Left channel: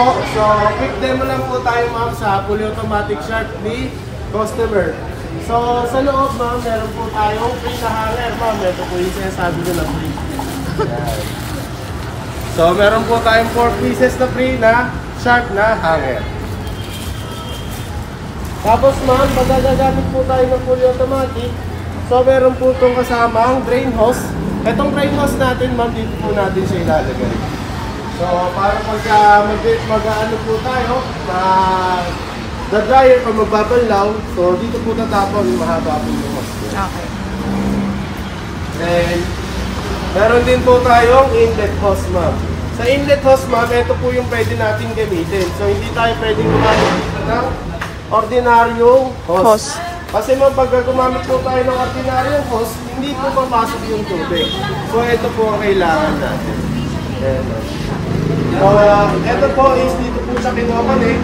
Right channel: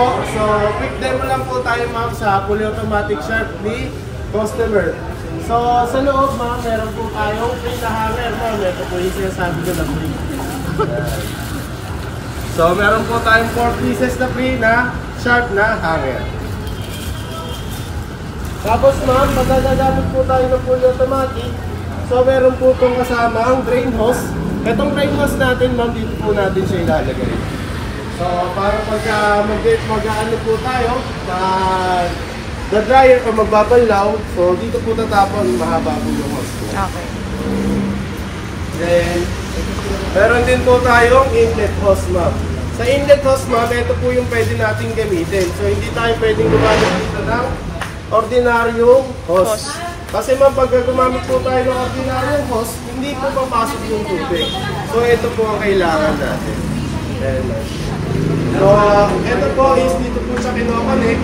So, quick demo lang po tayo ma'am sa fully automatic sharp ni customer. So, sa loob ma'am, meron po tayong free na hanger ma'am. Ito po yung sinasabi ko na free. So, meron po tayong 4 pieces na free na sharp na hanger. Tapos ma'am, magagagamit po tayo ng fully automatic. So, meron po itong kasamang drain hose. Itong drain hose natin ma'am, dito po natin siya ilalagay. So, para pagka mag-ano po tayo, na-dryer o magbabalaw, so dito po tatapon, mahaba po yung hose po. Okay. Then, meron din po tayong inlet hose ma'am. Sa inlet hose ma'am, ito po yung pwede natin gamitin. So, hindi tayo pwedeng gumamit dito ng ordinaryong hose. Kasi ma'am, pag gumamit po tayo ng ordinaryong hose, hindi po papasok yung tubig. So, ito po ang kailangan natin. Ayan ma'am. So, ito po is dito po sa kinokonek.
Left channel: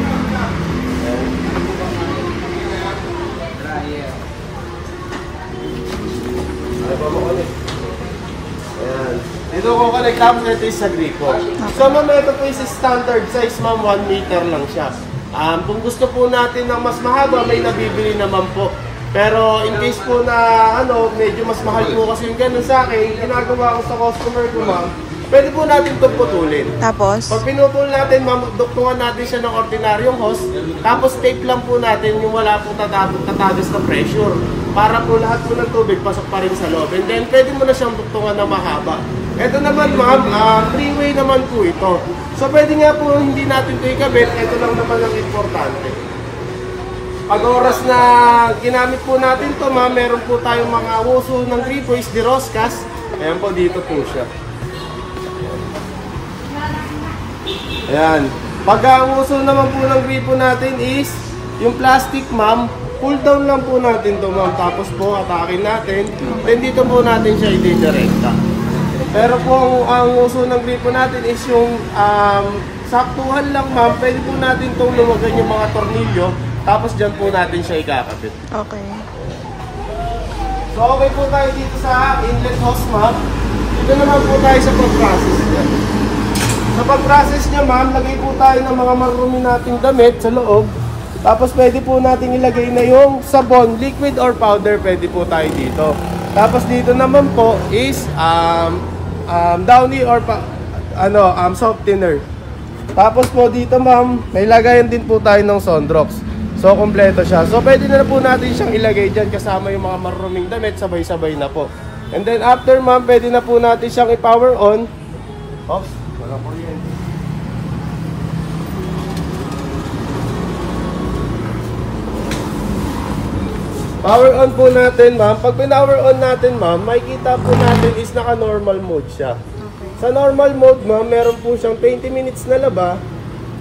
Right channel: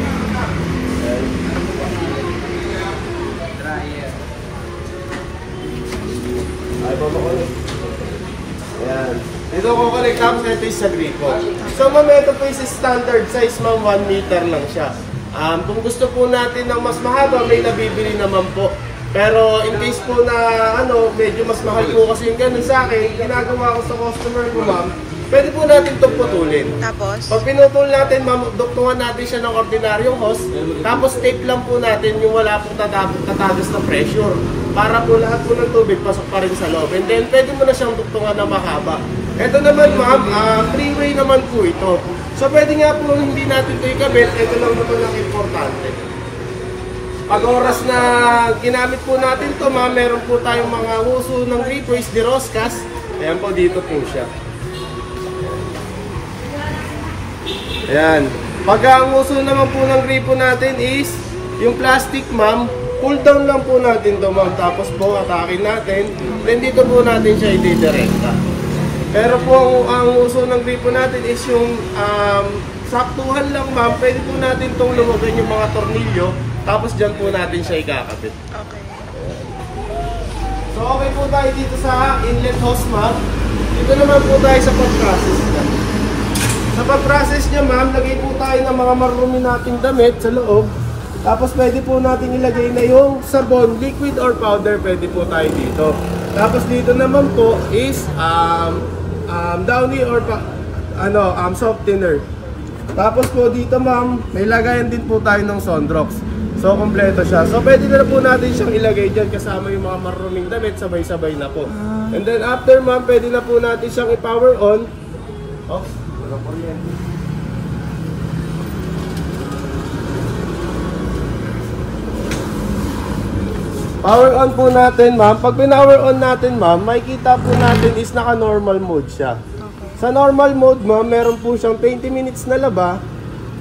Ay, makonek. Ayan. Dito ko connect tapos ito is sa gripo. So, ma'am, ito po is standard size, ma'am. 1 meter lang siya. Kung gusto po natin ng mas mahaba, may nabibili naman po. Pero in case po na medyo mas mahal po kasi yung ganun sa akin, ginagawa ko sa customer ko, ma'am, pwede po natin itong putulin. Tapos? Pag pinutol natin, ma'am, duktungan natin siya ng ordinaryong hose. Tapos tape lang po natin yung wala pong tatagos na pressure. Para po lahat po ng tubig pasok pa rin sa loob. And then pwede mo na siyang duktungan na mahaba. Ito naman ma'am, 3-way naman po ito. So pwede nga po hindi natin ito ikabit. Ito lang naman ang importante. Pag oras na ginamit po natin ito, ma'am, meron po tayong mga uso ng gripo is de Roscas. Ayan po, dito po siya. Ayan. Pag ang uso naman po ng gripo natin is yung plastic, ma'am, pull down lang po natin to, ma'am. Tapos po, atakin natin. Then dito po natin siya ididirekta. Pero po, ang uso ng gripo natin is yung saktuhan lang, ma'am. Pwede po natin itong luwagan yung mga tornilyo. Tapos dyan po natin siya ikakabit. Okay. So, okay po tayo dito sa inlet hose, ma'am. Dito naman po tayo sa pag-process niya. Sa pag-process niya, ma'am, lagay po tayo ng mga marumi nating damit sa loob. Tapos pwede po natin ilagay na yung sabon, liquid or powder, pwede po tayo dito. Tapos dito naman po is downy or softener. Tapos po dito, ma'am, may lagayan din po tayo ng Sondrox. So, kompleto siya. So, pwede na po natin siyang ilagay dyan kasama yung mga maruming damit, sabay-sabay na po. And then after, ma'am, pwede na po natin siyang i-power on. Oops, wala po yan. Power on po natin, ma'am. Pag pinower on natin, ma'am, makikita po natin is naka-normal mode siya. Okay. Sa normal mode, ma'am, meron po siyang 20 minutes na laba,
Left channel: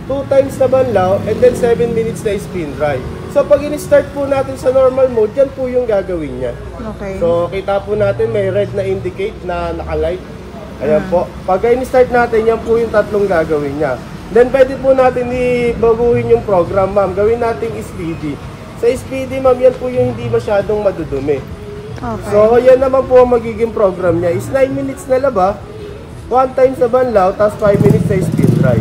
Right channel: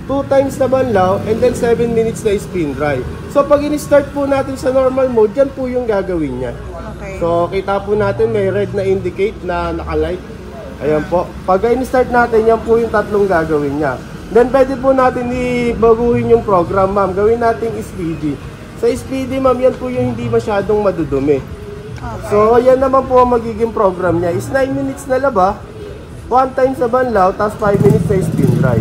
2 times na banlaw, and then 7 minutes na spin dry. So, pag in-start po natin sa normal mode, yan po yung gagawin niya. Okay. So, kita po natin may red na indicate na naka-light. Ayan po. Pag in-start natin, yan po yung tatlong gagawin niya. Then, pwede po natin i-baguhin yung program, ma'am. Gawin natin speedy. Sa speedy, ma'am, yan po yung hindi masyadong madudumi. Okay. So, yan naman po ang magiging program niya. Is 9 minutes na laba, 1 times na banlaw, tapos 5 minutes na spin dry.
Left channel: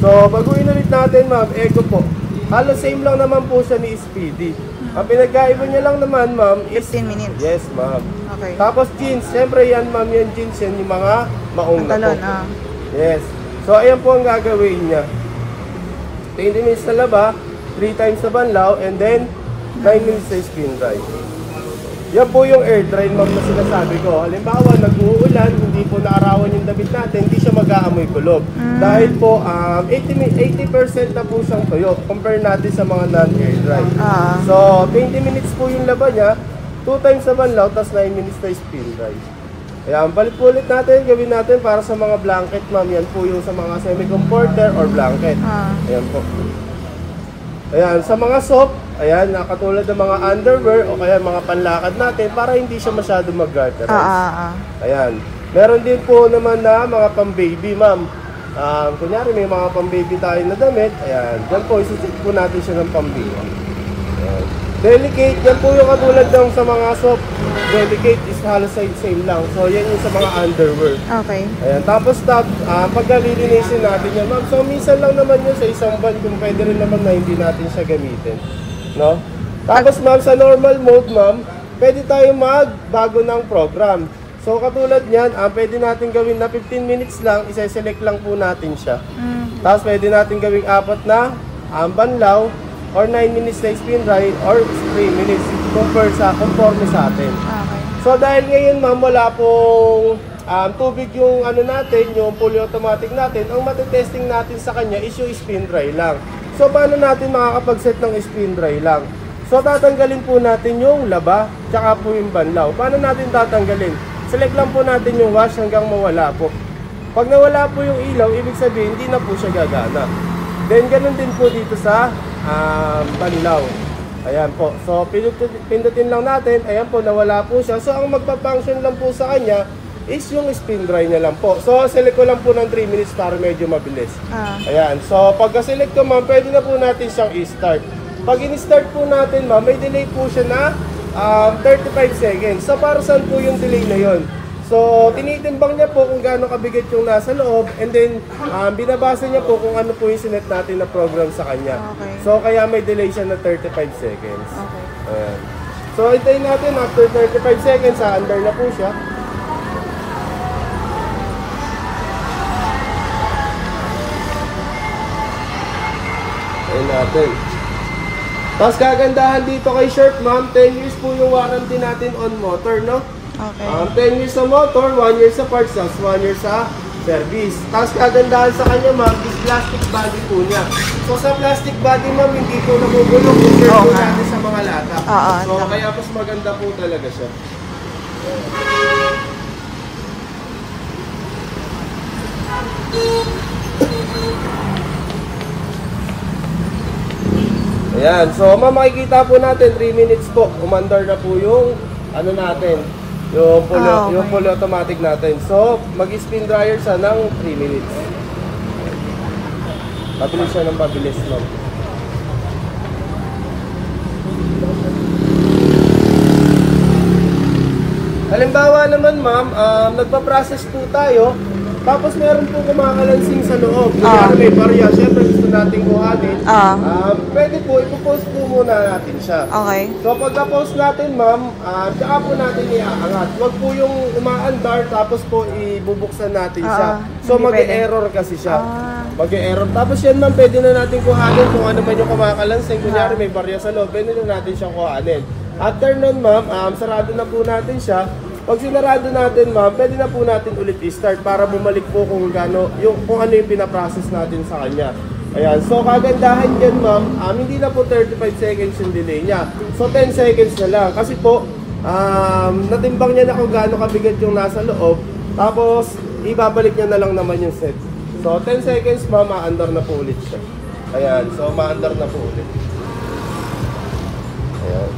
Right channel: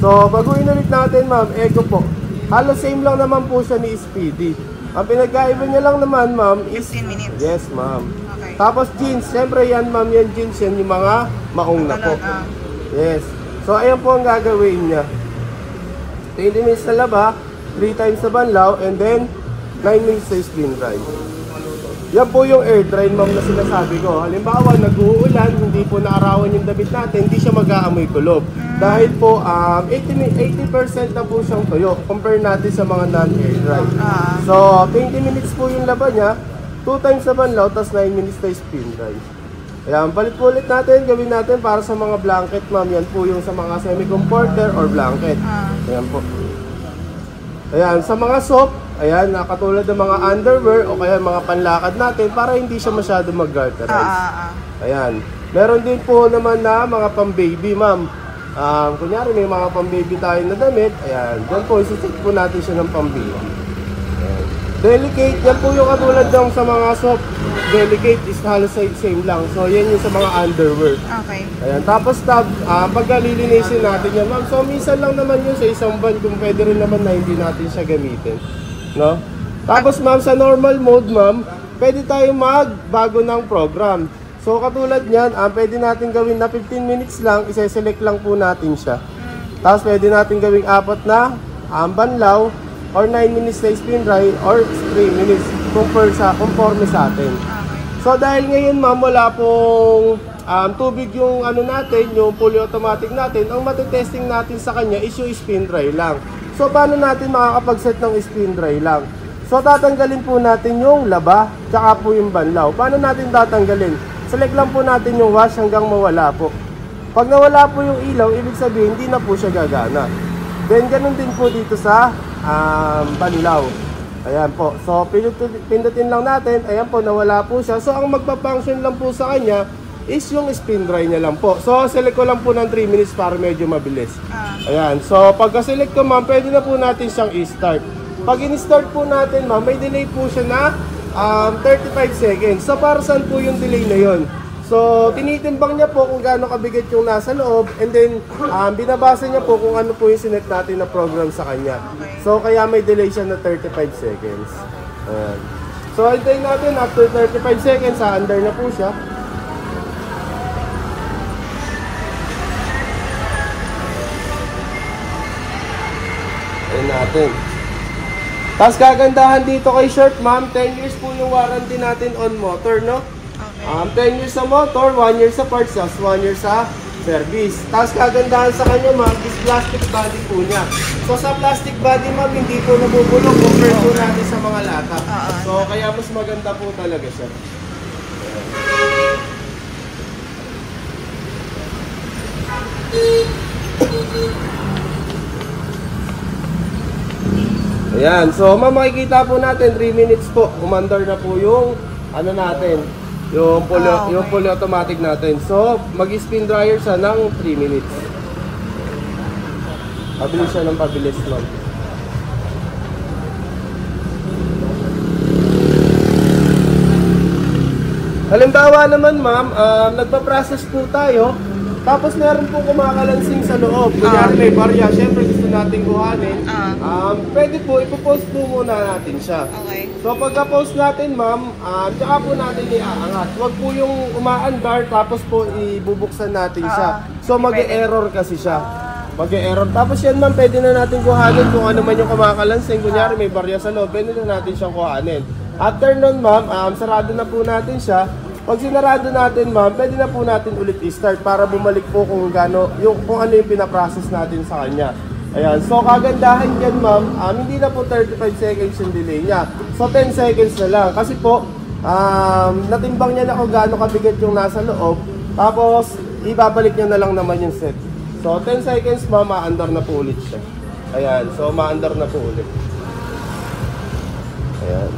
So, baguhin ulit natin, ma'am, eco po. Halos same lang naman po siya ni Speedy. Ang pinagkaiba niya lang naman, ma'am, is 15 minutes. Yes, ma'am. Okay. Tapos jeans, siyempre yan, ma'am, yan jeans, yan yung mga maong na po. Yes. So, ayan po ang gagawin niya. 20 minutes na laba, 3 times na banlaw, and then 9 minutes na spin dry. Yan po yung air dry, ma'am, na sinasabi ko. Halimbawa, nag-uulan, hindi po naarawan yung damit natin, hindi siya mag-aamoy kulob. Dahil po, 80% na po siyang tuyo, compare natin sa mga non-air dry. So, 20 minutes po yung laban niya, 2 times na banlaw, tapos 9 minutes na spin dry. Ayan, balik po ulit natin, gawin natin para sa mga blanket, ma'am. Yan po yung sa mga semi-comforter or blanket. Ayan po. Ayan, sa mga soap, ayan, katulad ng mga underwear o kaya mga panlakad natin para hindi siya masyado mag-garterize. Ayan. Meron din po naman na mga pang-baby, ma'am. Kunyari may mga pang-baby tayo na damit. Ayan. Doon po, isusit po natin siya ng pang-baby. Ayan. Delicate, yan po yung katulad ng sa mga soft. Delicate is halos same lang. So yan yung sa mga underwear. Okay. Ayan. Tapos pagka lilinisin natin yan, ma'am. So minsan lang naman yun sa isang buwan kung pwede rin naman na hindi natin siya gamitin. No? Tapos ma'am, sa normal mode ma'am, pwede tayo magbago ng program. So katulad niyan, pwede natin gawin na 15 minutes lang, isa-select lang po natin siya. Tapos pwede natin gawing 4 na banlaw, or 9 minutes na spin dry, or 3 minutes conforme sa atin. So dahil ngayon ma'am, wala pong tubig yung ano natin, yung fully automatic natin, ang matitesting natin sa kanya is yung spin dry lang. So paano natin makakapag-set ng spin dry lang? So tatanggalin po natin yung laba, tsaka po yung banlaw. Paano natin tatanggalin? Select lang po natin yung wash hanggang mawala po. Pag nawala po yung ilaw, ibig sabihin hindi na po siya gagana. Then ganun din po dito sa banlaw. Ayan po. So pindutin lang natin. Ayan po, nawala po siya. So ang magpa-function lang po sa kanya is yung spin dry niya lang po. So select ko lang po ng 3 minutes para medyo mabilis. Ayan. So pagka-select ko ma'am, pwede na po natin siyang i-start. Pag in-start po natin ma'am, may delay po siya na 35 seconds. So para saan po yung delay na yon? So tinitimbang niya po kung gaano kabigat yung nasa loob, and then binabasa niya po kung ano po yung sinet natin na program sa kanya. So kaya may delay siya na 35 seconds. Ayan. So hintayin natin after 35 seconds, under na po siya. Ayan natin. Tapos kagandahan dito kay Sharp ma'am, 10 years po yung warranty natin on motor, no? Okay. 10 years sa motor, 1 year sa parts, 1 year sa service. Tapos kagandahan sa kanya ma'am is plastic body po niya. So sa plastic body ma'am, hindi po nabubulok compared po natin sa mga lata. So kaya mas maganda po talaga siya. Ayan, so makikita po natin 3 minutes po, umandar na po yung ano natin, yung fully automatic natin. So mag-spin dryer siya ng 3 minutes. Pabilis siya ng pabilis lang. Halimbawa naman ma'am, nagpa-process po tayo. Tapos meron po kumakalansing sa loob. Kaya may barya, syempre gusto natin kuhanin. Pwede po, ipopost po muna natin siya. Okay. So pagka-post natin ma'am, tsaka po natin iaangat. Huwag po yung umaandar tapos po ibubuksan natin siya. So mag-e-error kasi siya. Mag-e-error. Tapos yan ma'am, pwede na natin kuhanin kung ano man yung kumakalansing. Kunyari may barya sa loob, pwede na natin siyang kuhanin. After nun ma'am, sarado na po natin siya. Pag sinarado natin ma'am, pwede na po natin ulit i-start para bumalik po kung ano yung pinaprocess natin sa kanya. Ayan, so kagandahan yan ma'am, hindi na po 35 seconds yung delay niya. So 10 seconds na lang kasi po natimbang niya na kung gaano kabigat yung nasa loob. Tapos ibabalik niya na lang naman yung set. So 10 seconds ma'am, ma-under na po ulit siya. Ayan, so ma-under na po ulit. Ayan.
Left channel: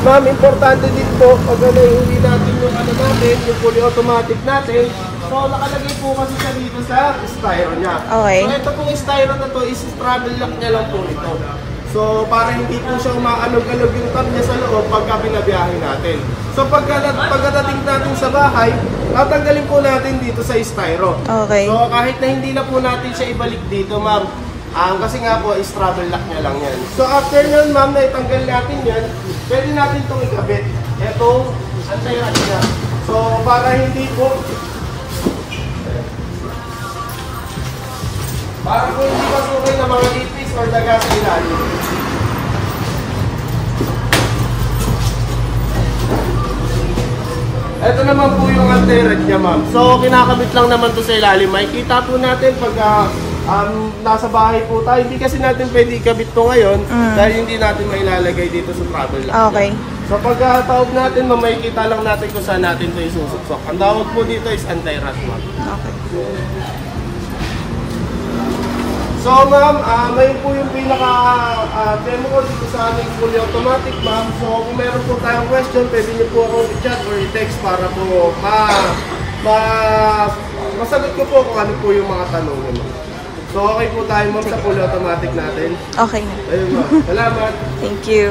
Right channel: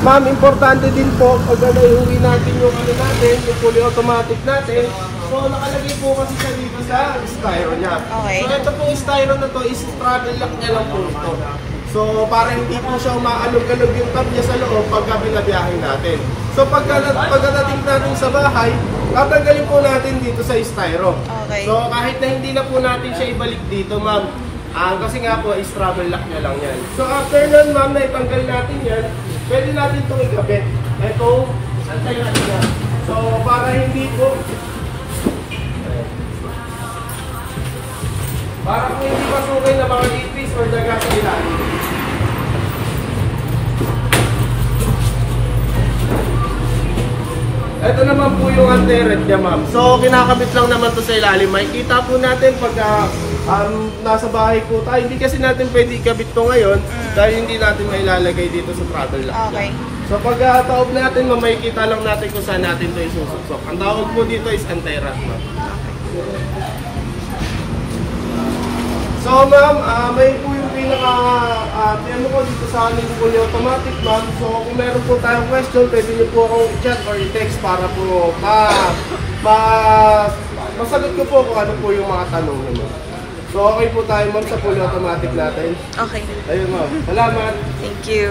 Ma'am, importante din po pag naiuwi natin yung ano natin, yung fully automatic natin. So nakalagay po kasi siya dito sa styro niya. Okay. So ito pong styro na to is travel lock niya lang po ito. So para hindi po siya maalog-alog yung tab niya sa loob pagka binabiyahe natin. So pagkadating natin sa bahay, tatanggalin po natin dito sa styro. Okay. So kahit na hindi na po natin siya ibalik dito ma'am, kasi nga po is travel lock niya lang yan. So after nun ma'am, na itanggal natin yan, pwede natin itong ikabit. Itong antay natin yan. So para hindi po hindi pasukin ng mga ipis or daga sa ilalim. Ito naman po yung anti-red niya ma'am. So kinakabit lang naman to sa ilalim. Makikita po natin pag nasa bahay po tayo. Hindi kasi natin pwede ikabit to ngayon dahil hindi natin mailalagay dito sa travel lock. Okay. So pag taob natin, makikita lang natin kung saan natin ito isusuksok. Ang tawag po dito is anti-rat ma'am. Okay. So ma'am, may po yung pinaka-demo ko dito sa aming fully automatic ma'am. So kung meron po tayong question, pwede niyo po akong i-chat or i-text para po masagot ko po kung ano po yung mga tanong naman. So, okay po tayo, ma'am, sa fully automatic natin. Okay. Ayun, ma'am. Salamat. Thank you.